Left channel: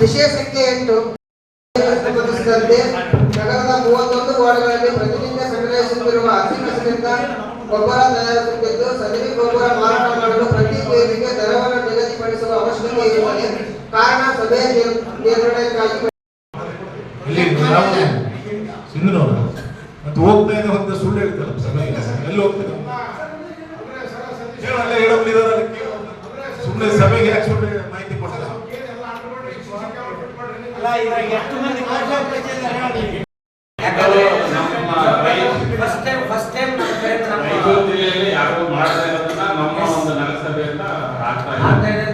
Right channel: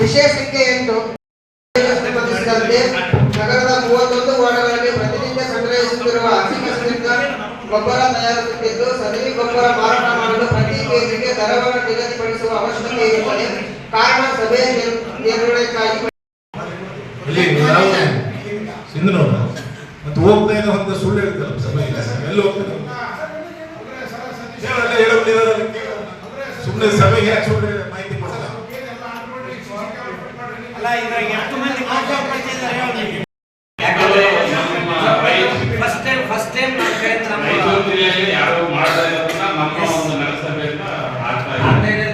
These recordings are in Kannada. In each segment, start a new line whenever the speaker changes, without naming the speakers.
ವಿಷಯ ಎಂಟು ಸ್ಪರ್ಧೆ ನಗರದ ಮೂವತ್ತೊಂದು ವಾರ್ಡ್ಗಳಲ್ಲಿ ಪ್ರತಿನಿತ್ಯ ಸಂಗ್ರಹಿಸುತ್ತಿರುವ ಹಸಿ ಕಸದಿಂದ ಗೊಬ್ಬರ ತಯಾರಿಸುತ್ತಿದ್ದು, ಸಗಣಿ ಗೊಬ್ಬರ ಮಾರಾಟ ಮಾಡಲು ಪ್ರತಿ ಕೆಜಿಗೆ ದರವನ್ನು ನಿಗದಿಪಡಿಸುವ ಅವಶ್ಯಕತೆ ಇರುತ್ತದೆ ಕಾರಣ ಸಭೆಯ
ನಿರ್ಣಯಕ್ಕಾಗಿ ಸಿಂಧು ಮತ್ತೆ ಹೋಗ್ತಾ ಇದ್ದ ಸುಳ್ಳು ಹೇಳ್ತಾರೆ ಎಲ್ಲಿ ಹೋಗ್ತಾರೆ ಏನಲ್ಲ ಹೇಳೋದಿದ್ದಾರೆ ಸುಮ್ಮನೆ ಸಭೆಗೆ ಯಾಕೆ ಸುಳ್ಳು ಮಾಹಿತಿ ಕೊಡಲ್ಲ
first time first time
Mysuru ಜಿಲ್ಲೆಯಲ್ಲಿ ಯಾರು ಮಾಡ್ತಾ ಇರೋದನ್ನ ನಮ್ಮ ಒಂದು ನಗರಸಭೆಯಿಂದ ಆಗ್ತಾ ಇದೆ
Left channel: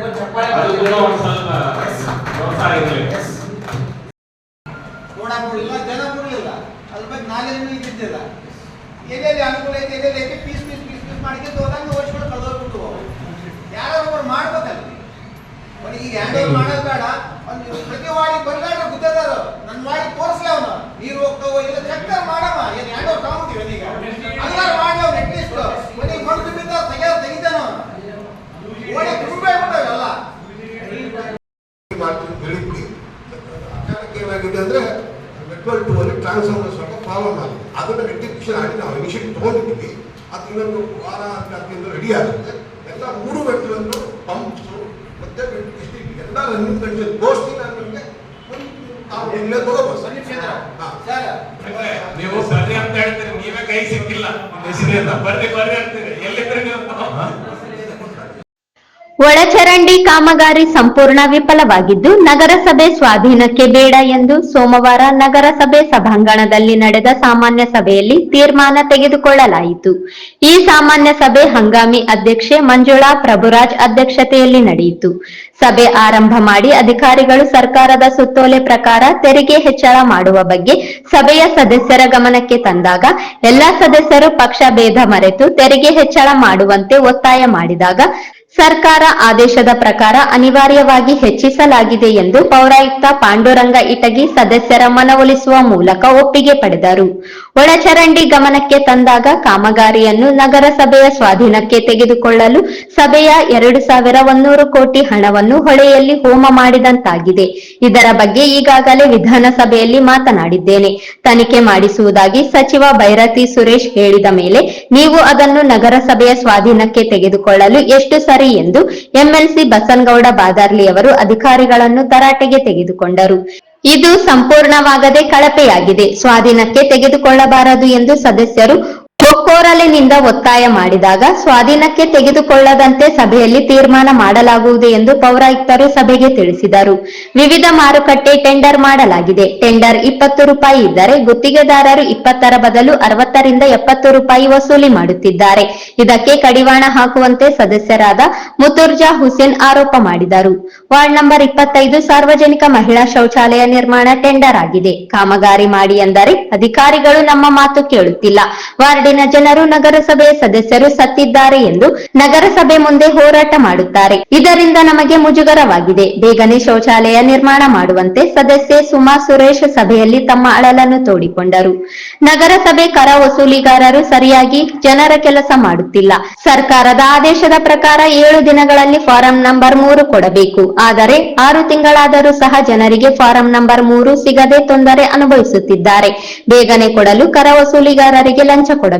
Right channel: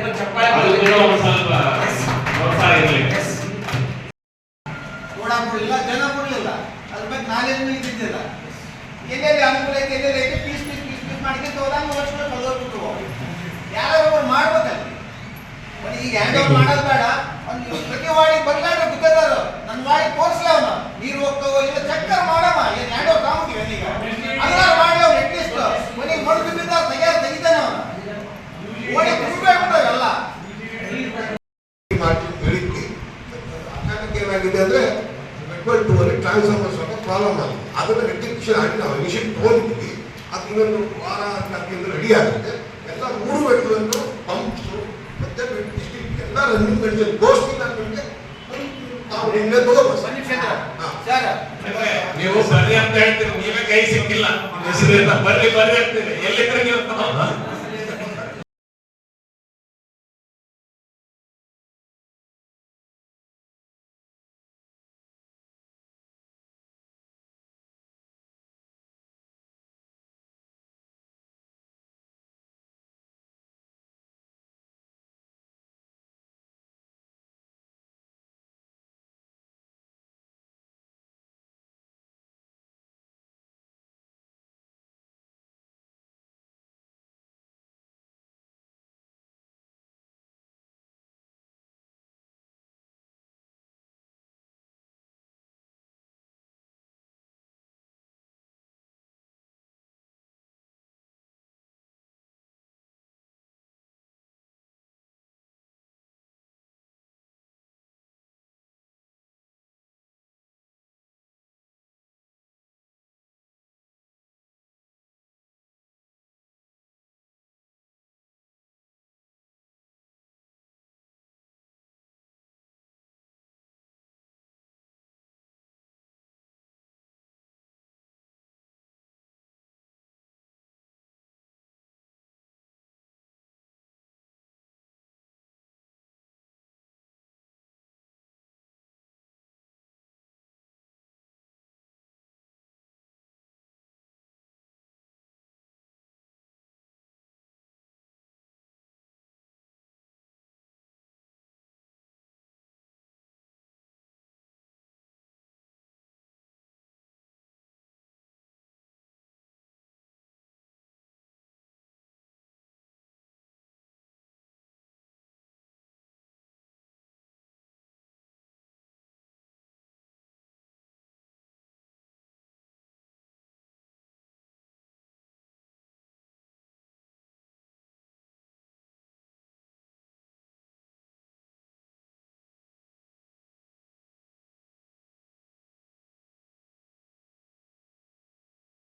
ಅದು ಕೂಡ ಒಂದು ಸ್ವಲ್ಪ ಪ್ರೋತ್ಸಾಹ ಇರಲಿ
ನೋಡಕ್ ಬಿಡಲಿಲ್ಲ ಜನ ಬಿಡಲಿಲ್ಲ ಅದ್ರ ನಾಲೇಜ್ ಇದ್ದಿದ್ದಿಲ್ಲ. ಎಲ್ಲೆಲ್ಲಿ ಅನುಕೂಲ ಐತೆ, ಎಲ್ಲೆಲ್ಲಿ ಐತೆ, ಪೀಸ್ ಪೀಸ್ ಪೀಸ್ ಪೀಸ್ ಮಾಡ್ಕೊಂಡು ಹೋದಂಗೆ ವರ್ಷಗಳು ಕಳೆದೋಗ್ಬಿಟ್ಟು ಯಾರೋ ಒಬ್ಬರು ಮಾಡ್ಬೇಕಲ್ಲ ಬರೀ ಈಗ ಹ್ಯಾಂಡ್ ಓವರ್ ಮಾಡೋದು ಬೇಡ. ಅವ್ನು ಪ್ರತಿ ವಾಡಿ ಬರ್ಲಾಗ ಗುದ್ದದಾರ ನನ್ನ ವಾಡಿ ತೋರಿಸ್ಲ ಅವನು. ನೀರು ಹೋಗ್ತಾವೋ ಇಲ್ಲ ಚಕ್ಕರ್ ಮಾಡಮ್ಮ ಏನು ಹ್ಯಾಂಡ್ ಓವರ್ ತಗೊಂಡಿವಿ ಅಲ್ಲಿಗ ಅದನ್ನ ಮಾಡಿ ಅವ್ನು ಅಟ್ಲೀಸ್ಟ್ ಮನೆಗೆ ಮಡ್ದು ಬಿದ್ದ ತೆಗಿಯ ತೆಗಿತಾನೆ ಅವನು. ಓಡಿ
ಅಚಾನಕ್ ಏನಾಗಿದೆ ಅಂದ್ರೆ ನೆಟ್ವರ್ಕ್ ಟು ಅಲ್ಲಿ ಟ್ರಾನ್ಸ್ಫಾರ್ಮರ್ ಸ್ವಲ್ಪ ಪ್ರಾಬ್ಲಮ್ ಆಗಿದೆ. ಅದನ್ನು ರೆಕ್ಟಿಫಿಕೇಶನ್ ಆಗಿ ನಾವು ಇನಿಷಿಯೇಟ್ ತಗೊಂಡಿದ್ದೀವಿ ಅದು ಇನ್ನೊಂದು ವಾರ ಹದಿನೈದು ರೆಡಿ ಆಗುತ್ತೆ. ಎಲ್ಲ ಮೂರು ವೆಟ್ಲನ್ನು ಪಂಪ್ಸು ಮತ್ತೆ ಡಿಸ್ಟಿಕ್ ಎಲ್ಲ ರನ್ನಿಂಗ್ ಕಂಡೀಷನ್ ಗೋಷ್ಠಿ ನಮಗೆ ನಾವು ಇಲ್ಲೇ ತಗೋಬೋದು ಹಾ.
ಸರ್.
ನೀವು ಬರ್ರಿ ಅಂತ ಹೇಳ್ತೀರಿ ನೀವೇ ಕೈ ಸಿಕ್ಕಿಲ್ಲ. ಬರ್ರಿ ಬರ್ರಿ ಅಂತೀರಿ. ಎಲ್ಲಿದ್ರೆ ನೀವು
ಒಳಚರಂಡಿ ಕಾಮಗಾರಿ ಸಂಪೂರ್ಣ ವಿಫಲವಾಗಿದ್ದು, ನಗರಸಭೆ ಸ್ವಾಧೀನಕ್ಕೆ ಬೇಡ ಎಂದು ಸೋಮವಾರ ನಗರಸಭೆ ಸಭಾಂಗಣದಲ್ಲಿ ನಡೆದ ಸಾಮಾನ್ಯ ಸಭೆಯಲ್ಲಿ ತೀರ್ಮಾನ ತೆಗೆದುಕೊಳ್ಳಲಾಯಿತು. ಈ ಸಾಮಾನ್ಯ ಸಭೆ ಹಂಗಾಮಿ ಅಧ್ಯಕ್ಷೆ ಮಂಜುಳಾ ಪ್ರಭುರಾಜ್ ಅಧ್ಯಕ್ಷತೆಯಲ್ಲಿ ನಡೆಯಿತು. ಸಭೆ ಆರಂಭ ಮಾಡಿ ಅಧಿಕಾರಿಗಳು ಸರ್ಕಾರದ ಸುತ್ತೋಲೆ ಪ್ರಕಾರ ತೆರಿಗೆ ಹೆಚ್ಚಳ ಮಾಡುವ ಬಗ್ಗೆ ಸಭೆಯ ಸದಸ್ಯರ ಗಮನಕ್ಕೆ ತಂದಾಗ, ಎಲ್ಲಾ ಸದಸ್ಯರು ಪಕ್ಷ ಭೇದ ಮರೆತು ತೆರಿಗೆ ಹೆಚ್ಚಳ ಮಾಡುವಂತೆ ಒತ್ತಾಯ ಮಾಡಿದಾಗ ಸರ್ಕಾರ ಆದೇಶದ ಪ್ರಕಾರ ಅನಿವಾರ್ಯವಾಗಿ ಹೆಚ್ಚಿಸಲಾಗಿದೆ ಎಂದು ಪೌರಾಯುಕ್ತ ಪಾಂಡುರಂಗ ಇಟಗಿ ಸದಸ್ಯರ ಮನವೊಲಿಸುವ ಮೂಲಕ ಒಪ್ಪಿಗೆ ಪಡೆದರು. ಒಳಚರಂಡಿ ಗಮನಕ್ಕೆ ತಂದಾಗ ಕಾಮಗಾರಿಯನ್ನು ನಗರಸಭೆಯ ಸ್ವಾಧೀನಕ್ಕೆ ತೆಗೆದುಕೊಳ್ಳಲು ಸಭೆಯ ಎರಡು ಸಾವಿರ ಒಂದೂರು ಕೋಟಿ ಹಣವನ್ನು ಹೊಳೆಯಲ್ಲಿ ಹೋಮ ಮಾಡಿದಂತಾಗಿದೆ. ಇದರ ಬಗ್ಗೆ ಈಗಾಗಲೇ ವಿಧಾನಸಭೆಯಲ್ಲಿ ಮಾತನಾಡಿದ್ದೇನೆ. ತನಿಖೆ ಮಾಡಿಸುವುದಾಗಿ ಸಚಿವ ಭೈರತಿ ಸುರೇಶ್ ಹೇಳಿದ ಮೇಲೆ ನೀವು ಅದನ್ನು ನಗರಸಭೆಯ ಸ್ವಾಧೀನಕ್ಕೆ ತೆಗೆದುಕೊಳ್ಳಲು ಎಷ್ಟು ಸರಿ ಎಂದು ಎಂಎಲ್ಸಿ ಬಸನ್ಗೌಡ ಬಾದಾರ್ಲಿ ಅವರು ಅಧಿಕಾರಿಗಳನ್ನು ತರಾಟೆಗೆ ತೆಗೆದುಕೊಂಡರು. ಇದು ಸಂಪೂರ್ಣವಾಗದೆ ಕಳಪೆಯಾಗಿದೆ. ಸ್ವಾಧೀನಕ್ಕೆ ತೆಗೆದುಕೊಳ್ಳಬಾರದು ಎಂದು ಸದಸ್ಯರು ಒಕ್ಕೋರಲಿನಿಂದ ಒತ್ತಾಯ ಮಾಡಿದಾಗ ಸ್ವಾಧೀನಕ್ಕೆ ತೆಗೆದುಕೊಳ್ಳದಂತೆ ಸಭೆಯಲ್ಲಿ ತೀರ್ಮಾನ ಮಾಡಲಾಗುವುದು ಎಂದು ಪೌರಾಯುಕ್ತರು ಸಭೆಗೆ ತಿಳಿಸಿದರು. ವಿವಿಧ ಮಾರುಕಟ್ಟೆ ಟೆಂಡರ್ ಮಾಡಲಾಗಿದೆ. ಟೆಂಡರ್ ಇಪ್ಪತ್ತು ರೂಪಾಯಿ ಇದ್ದರೆ ಗುತ್ತಿಗೆದಾರರು ಇಪ್ಪತ್ತರ ಬದಲು ಅರವತ್ತರಿಂದ ಎಪ್ಪತ್ತು ರೂಪಾಯಿ ವಸೂಲಿ ಮಾಡುತ್ತಿದ್ದಾರೆ. ಇದಕ್ಕೆ ಕಡಿವಾಣ ಹಾಕುವಂತೆ ಸದಸ್ಯರಾದ ಮುತುರ್ಜಾ ಹುಸೇನ್ ಆರೋಪ ಮಾಡಿದರು. ವಾರ್ಡ್ ನಂಬರ್ ಇಪ್ಪತ್ತೈದು ಸಾರ್ವಜನಿಕ ಮಹಿಳಾ ಶೌಚಾಲಯ ನಿರ್ಮಾಣ ಟೆಂಡರ್ ಆಗಿದೆ. ಕಾಮಗಾರಿ ಮಾಡಿ ಎಂದರೆ ಅಧಿಕಾರಿಗಳು ನಮ್ಮ ಮಾತು ಕೇಳುತ್ತಿಲ್ಲ. ವಾರ್ಡಿನ ಜನರು ನಗರಸಭೆಯ ಸದಸ್ಯರು ಸತ್ತಿದ್ದಾರೆ ಎಂದು ನಗರಸಭೆ ಮುಂದೆ ಹೋರಾಟ ಮಾಡುತ್ತಾರೆ. ಇದರಿಂದ ನಮಗೆ ಮುಜುಗರವಾಗಿದೆ. ಬೇಗನೆ ಶೌಚಾಲಯ ನಿರ್ಮಾಣ ಮಾಡುವಂತೆ ಸದಸ್ಯೆ ಸುಮಾ ಸುರೇಶ್ ಸಭೆಯಲ್ಲಿ ತಮ್ಮ ಅಳಲನ್ನು ತೋಡಿಕೊಂಡರು. ನಗರಸಭೆ ಕರ ವಸೂಲಿಗಾರರು ಸರಿಯಾಗಿ ಜನರ ಕೆಲಸ ಮಾಡುತ್ತಿಲ್ಲ. ಸರ್ಕಾರದ ಆದೇಶದ ಪ್ರಕಾರ ಏಳು ದಿನಗಳಲ್ಲಿ ಫಾರಂ ನಂಬರ್ ಮೂರು ಕೊಡಬೇಕು. ಆದರೆ ಆರು ತಿಂಗಳಾದರೂ ಸಹ ಜನರಿಗೆ ಫಾರಂ ನಂಬರ್ ಮೂರು ಸಿಗದೆ ತೊಂದರೆ ಅನುಭವಿಸುತ್ತಿದ್ದಾರೆ. ಬೇಗನೆ ಕೊಡಲು ಕರ ವಸೂಲಿಗಾರರಿಗೆ ಲಂಚ ಕೊಡಬೇಕು.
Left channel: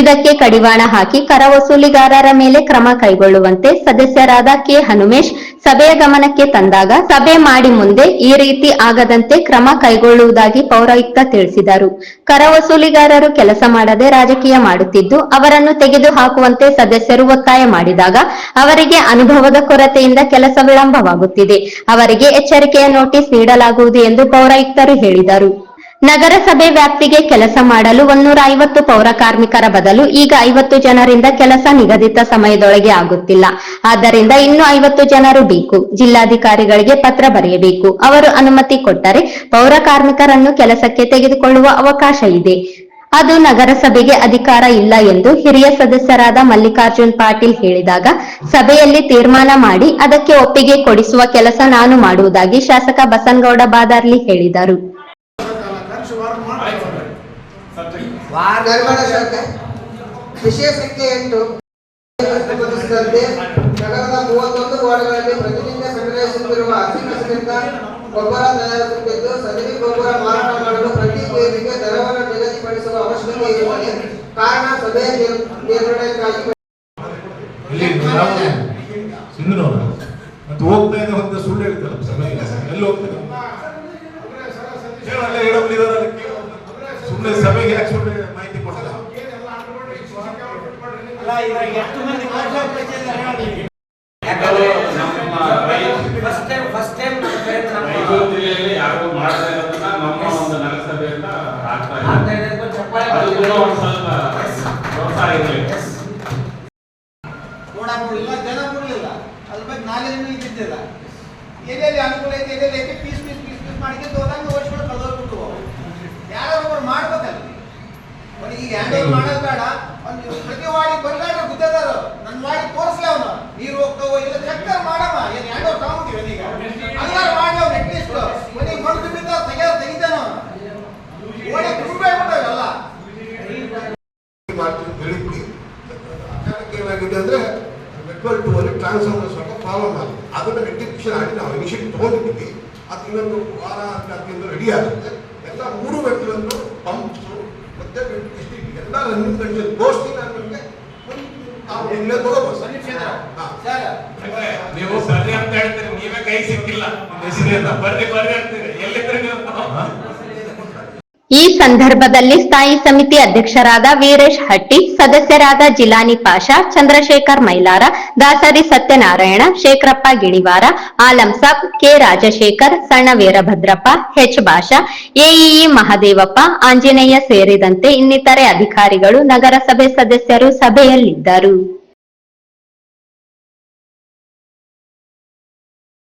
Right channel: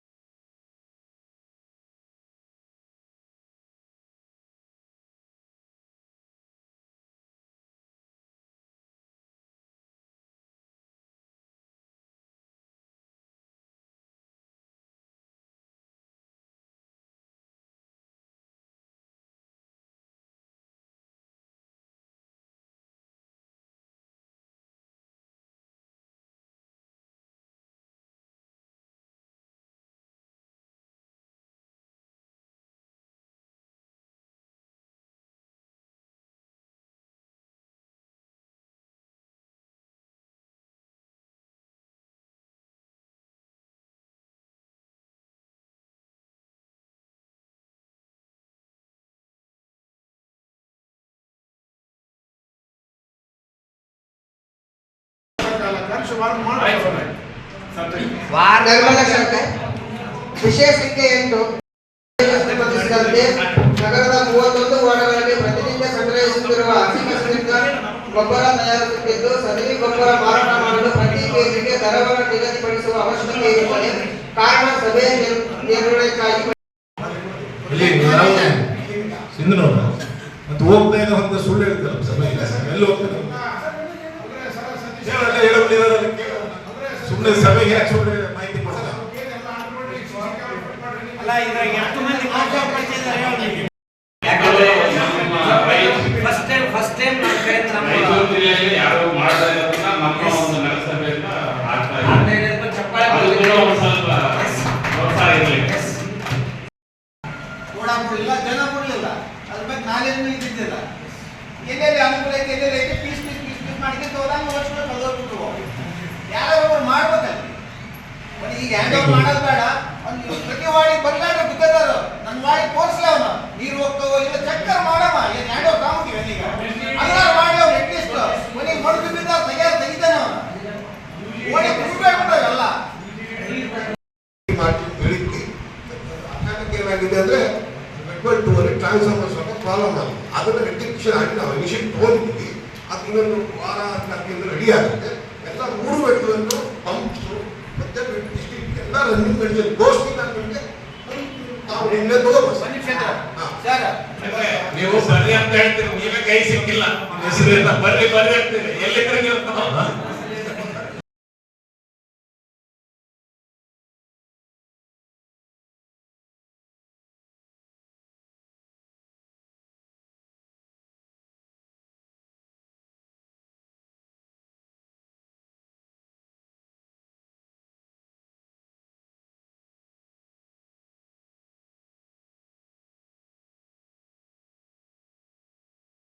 ಇದಕ್ಕೆ ಕಡಿವಾಣ ಹಾಕಿ ಕರ ವಸೂಲಿಗಾರರ ಮೇಲೆ ಕ್ರಮ ಕೈಗೊಳ್ಳುವಂತೆ ಸದಸ್ಯರಾದ ಕೆ. ಹನುಮೇಶ್ ಸಭೆಯ ಗಮನಕ್ಕೆ ತಂದಾಗ ಸಭೆ ಮಾಡಿ ಮುಂದೆ ಈ ರೀತಿ ಆಗದಂತೆ ಕ್ರಮ ಕೈಗೊಳ್ಳುವುದಾಗಿ ಪೌರಾಯುಕ್ತ ತಿಳಿಸಿದರು. ಕರ ವಸೂಲಿಗಾರರು ಕೆಲಸ ಮಾಡದೆ ರಾಜಕೀಯ ಮಾಡುತ್ತಿದ್ದು, ಅವರನ್ನು ತೆಗೆದು ಹಾಕುವಂತೆ ಸದಸ್ಯರು ಒತ್ತಾಯ ಮಾಡಿದಾಗ ಅವರಿಗೆ ಅನುಭವದ ಕೊರತೆಯಿಂದ ಕೆಲಸ ವಿಳಂಬವಾಗುತ್ತಿದೆ. ಅವರಿಗೆ ಎಚ್ಚರಿಕೆಯ ನೋಟಿಸ್ ನೀಡಲಾಗುವುದು ಎಂದು ಪೌರಾಯುಕ್ತರು ಹೇಳಿದರು. ನಗರಸಭೆ ವ್ಯಾಪ್ತಿಗೆ ಕೆಲಸ ಮಾಡಲು ಒಂದೂರ ಐವತ್ತು ಪೌರ ಕಾರ್ಮಿಕರ ಬದಲು ಈಗ ಐವತ್ತು ಜನರಿಂದ ಕೆಲಸ ನಿಗದಿತ ಸಮಯದೊಳಗೆ ಆಗುತ್ತಿಲ್ಲ. ಆದ್ದರಿಂದ ಇನ್ನು ಐವತ್ತು ಜನರು ಬೇಕು. ಜಿಲ್ಲಾಧಿಕಾರಿಗಳಿಗೆ ಪತ್ರ ಬರೆಯಬೇಕು. ಅವರು ಅನುಮತಿ ಕೊಟ್ಟರೆ ಪೌರ ಕಾರ್ಮಿಕರನ್ನು ಕೆಲಸಕ್ಕೆ ತೆಗೆದುಕೊಳ್ಳುವ ಅವಕಾಶ ಇದೆ. ಅದು ನಗರಸಭೆಗೆ ಅಧಿಕಾರ ಇಲ್ಲ ಎಂದು ಹಿರಿಯ ಸದಸ್ಯರಾದ ಮಲ್ಲಿಕಾರ್ಜುನ್ ಪಾಟೀಲ್ ಹೇಳಿದಾಗ, ಸಭೆಯಲ್ಲಿ ತೀರ್ಮಾನ ಮಾಡಿ ಅದಕ್ಕೆ ಒಪ್ಪಿಗೆ ಕೊಡಿಸುವ ಕೆಲಸ ನಾನು ಮಾಡುವುದಾಗಿ ಶಾಸಕ ಬಸನ್ಗೌಡ ಬಾದಾರ್ಲಿ ಹೇಳಿದರು.
ಎಂಟು. ನಗರದ ಮೂವತ್ತೊಂದು ವಾರ್ಡ್ಗಳಲ್ಲಿ ಪ್ರತಿನಿತ್ಯ ಸಂಗ್ರಹಿಸುತ್ತಿರುವ ಹಸಿ ಕಸದಿಂದ ಗೊಬ್ಬರ ತಯಾರಿಸುತ್ತಿದ್ದು ಸದರಿ ಗೊಬ್ಬರ ಮಾರಾಟ ಮಾಡಲು ಪ್ರತಿ ಕೆಜಿಗೆ ದರವನ್ನು ನಿಗದಿಪಡಿಸುವ ಅವಶ್ಯಕತೆ ಇರುತ್ತದೆ ಕಾರಣ ಸಭೆಯ ನಿರ್- ನಿರ್ಣಯಕ್ಕಾಗಿ
ಇಲ್ಲಿ ಬರೋದೇ ಸಿಂಧು ಮತ್ತೆ ಹೋಗ್ತಾ ಇದ್ದ ಒಂದು ಸುಳ್ಳು ಹೇಳ್ತಾರೆ ಸಭೆ ಎಲ್ಲಿ ಹೋಗ್ತಾರೆ ಅಲ್ಲೇ ಹೇಳೋದಿದ್ದಾರೆ ಸುಮ್ಮನೆ ಸಭೆಗೆ ಯಾಕೆ ಸುಳ್ಳು ಮಾಹಿತಿ ಕೊಡಲ್ಲ
ಅಲ್ಲ ಇದ್ರಾಗ ಎಷ್ಟು ಮಂದಿ ಮಾತಾಡ್ತಿದ್ದಾರೆ ಹೇಳಿ
ಯಾಕಂದ್ರೆ ನಮ್ಮ
ಫಸ್ಟ್ ಟೈಮ್ ಫಸ್ಟ್ ಟೈಮ್ ನಮ್ಮ ಕಡೆಯಿಂದ ನಮ್ಮ
ಮೈಸೂರು ಜಿಲ್ಲೆಯಲ್ಲಿ ಯಾರು ಮಾಡದೇ ಇರೋದನ್ನ ನಮ್ಮ ಒಂದು ನಗರಸಭೆಯಿಂದ ಆಗ್ತಾ
ಆಗ್ತಾ
ಇದೆ
ಇದೆ ಅಂತ ಚಪ್ಪಾಳೆ
ಅದು ಕೂಡ ಒಂದು ಸ್ವಲ್ಪ ಪ್ರೋತ್ಸಾಹ ಇರಲಿ
ಕೂಡ ಕೊಡಲಿಲ್ಲ ಜನ ಕೊಡಲಿಲ್ಲ ಅದ್ರ ಬಗ್ಗೆ ನಾಲೆಜ್ನು ಇದ್ದಿದ್ದಿಲ್ಲ ಎಲ್ಲೆಲ್ಲಿ ಅನುಕೂಲ ಐತೆ ಎಲ್ಲೆಲ್ಲಿ ಐತೆ ಪೀಸ್ ಪೀಸ್ ಪೀಸ್ ಪೀಸ್ ಮಾಡಿಕೊಂಡು ಹೋದಂಗೆ ಓಡಿಸ್ಕೊಂಡು ಕಲ್ದೋಗ್ಬಿಟ್ಟು ಯಾರೋ ಒಬ್ಬರು ಮಾಡ್ಬೇಕಲ್ಲ ಒಂದು ಈಗ ಹ್ಯಾಂಡ್ ಬೇಡ. ಒಂದು ಪ್ರತಿ ವಾಡಿ ಬರ್ಗಾಡ್ರೆ ಗುದ್ದದಾರ ನನ್ನ ವಾಡಿ ತೋರಿಸ್ಲ ಅವನು. ನೀರು ಹೋಗ್ತಾವೋ ಇಲ್ಲ ಏನು ಹ್ಯಾಂಡ್ ತಗೊಂತೀವಿ ಈಗ ಅಲ್ಲಾರು ಮಾಡಿ ಅವ್ನು ಕೊನೆಗೆ ಮಣ್ಣು ಬಿದ್ದ ತೆಗಿಯಾರ ತೆಗಿತಾನೆ ಅವನು. ಓಡಿ
ಅಚಾನಕ್ ಏನಾಗಿದೆ ಅಂದ್ರೆ ಟ್ರಾನ್ಸ್ಫಾರ್ಮರ್ ಸ್ವಲ್ಪ ಪ್ರಾಬ್ಲಮ್ ಆಗಿದೆ. ಅದನ್ನ ಆಗಿ ನಾವು ಇನಿಷಿಯೇಟ್ ಅದು ಇನ್ನೊಂದು ವಾರ ಹದಿನಾಲ್ಕಿಂದ ರೆಡಿ ಆಗುತ್ತೆ. ಎಲ್ಲ ಮೂರು ಮೆಟ್ಲನ್ನು ಎಲ್ಲ ರನ್ನಿಂಗ್ ಕಂಡೀಷನ್ ಗೋಷ್ಠಿ ನಾನು ನಿಮಗೆ ತಗೋಬೋದು.
ನೀವು ಬರ್ರಿ ಅಂತ ಹೇಳ್ತೀರಿ ನೀವೇ ಕೈ ಸಿಕ್ಕಿಲ್ಲ. ಹೆಸರೇನ ಬರ್ರಿ ಬರ್ರಿ ಅಂತೀರಿ. ನೀವು
ಈ ಸಂದರ್ಭದಲ್ಲಿ ಸ್ಥಾಯಿ ಸಮಿತಿ ಅಧ್ಯಕ್ಷರಾದ ವೀರೇಶ್ ಹಟ್ಟಿ, ಸದಸ್ಯರಾದ ಜಿಲಾನಿ ಪಾಷಾ, ಚಂದ್ರಶೇಖರ್ ಮೈಲಾರ, ದಾಸರಿ ಸತ್ಯನಾರಾಯಣ, ಶೇಖರಪ್ಪ ಗಿಣಿವಾರ, ಆಲಂ ಸಾಬ್, ಕೆ ರಾಜಶೇಖರ್, ಸಣ್ಣ ವೀರಭದ್ರಪ್ಪ, ಹೆಚ್ ಭಾಷಾ, ಎಇಇ ಮಹದೇವಪ್ಪ, ಆಂಜನೇಯ ಸೇರಿದಂತೆ ಇನ್ನಿತರೆ ಅಧಿಕಾರಿಗಳು ನಗರಸಭೆ ಸದಸ್ಯರು ಸಭೆಯಲ್ಲಿದ್ದರು.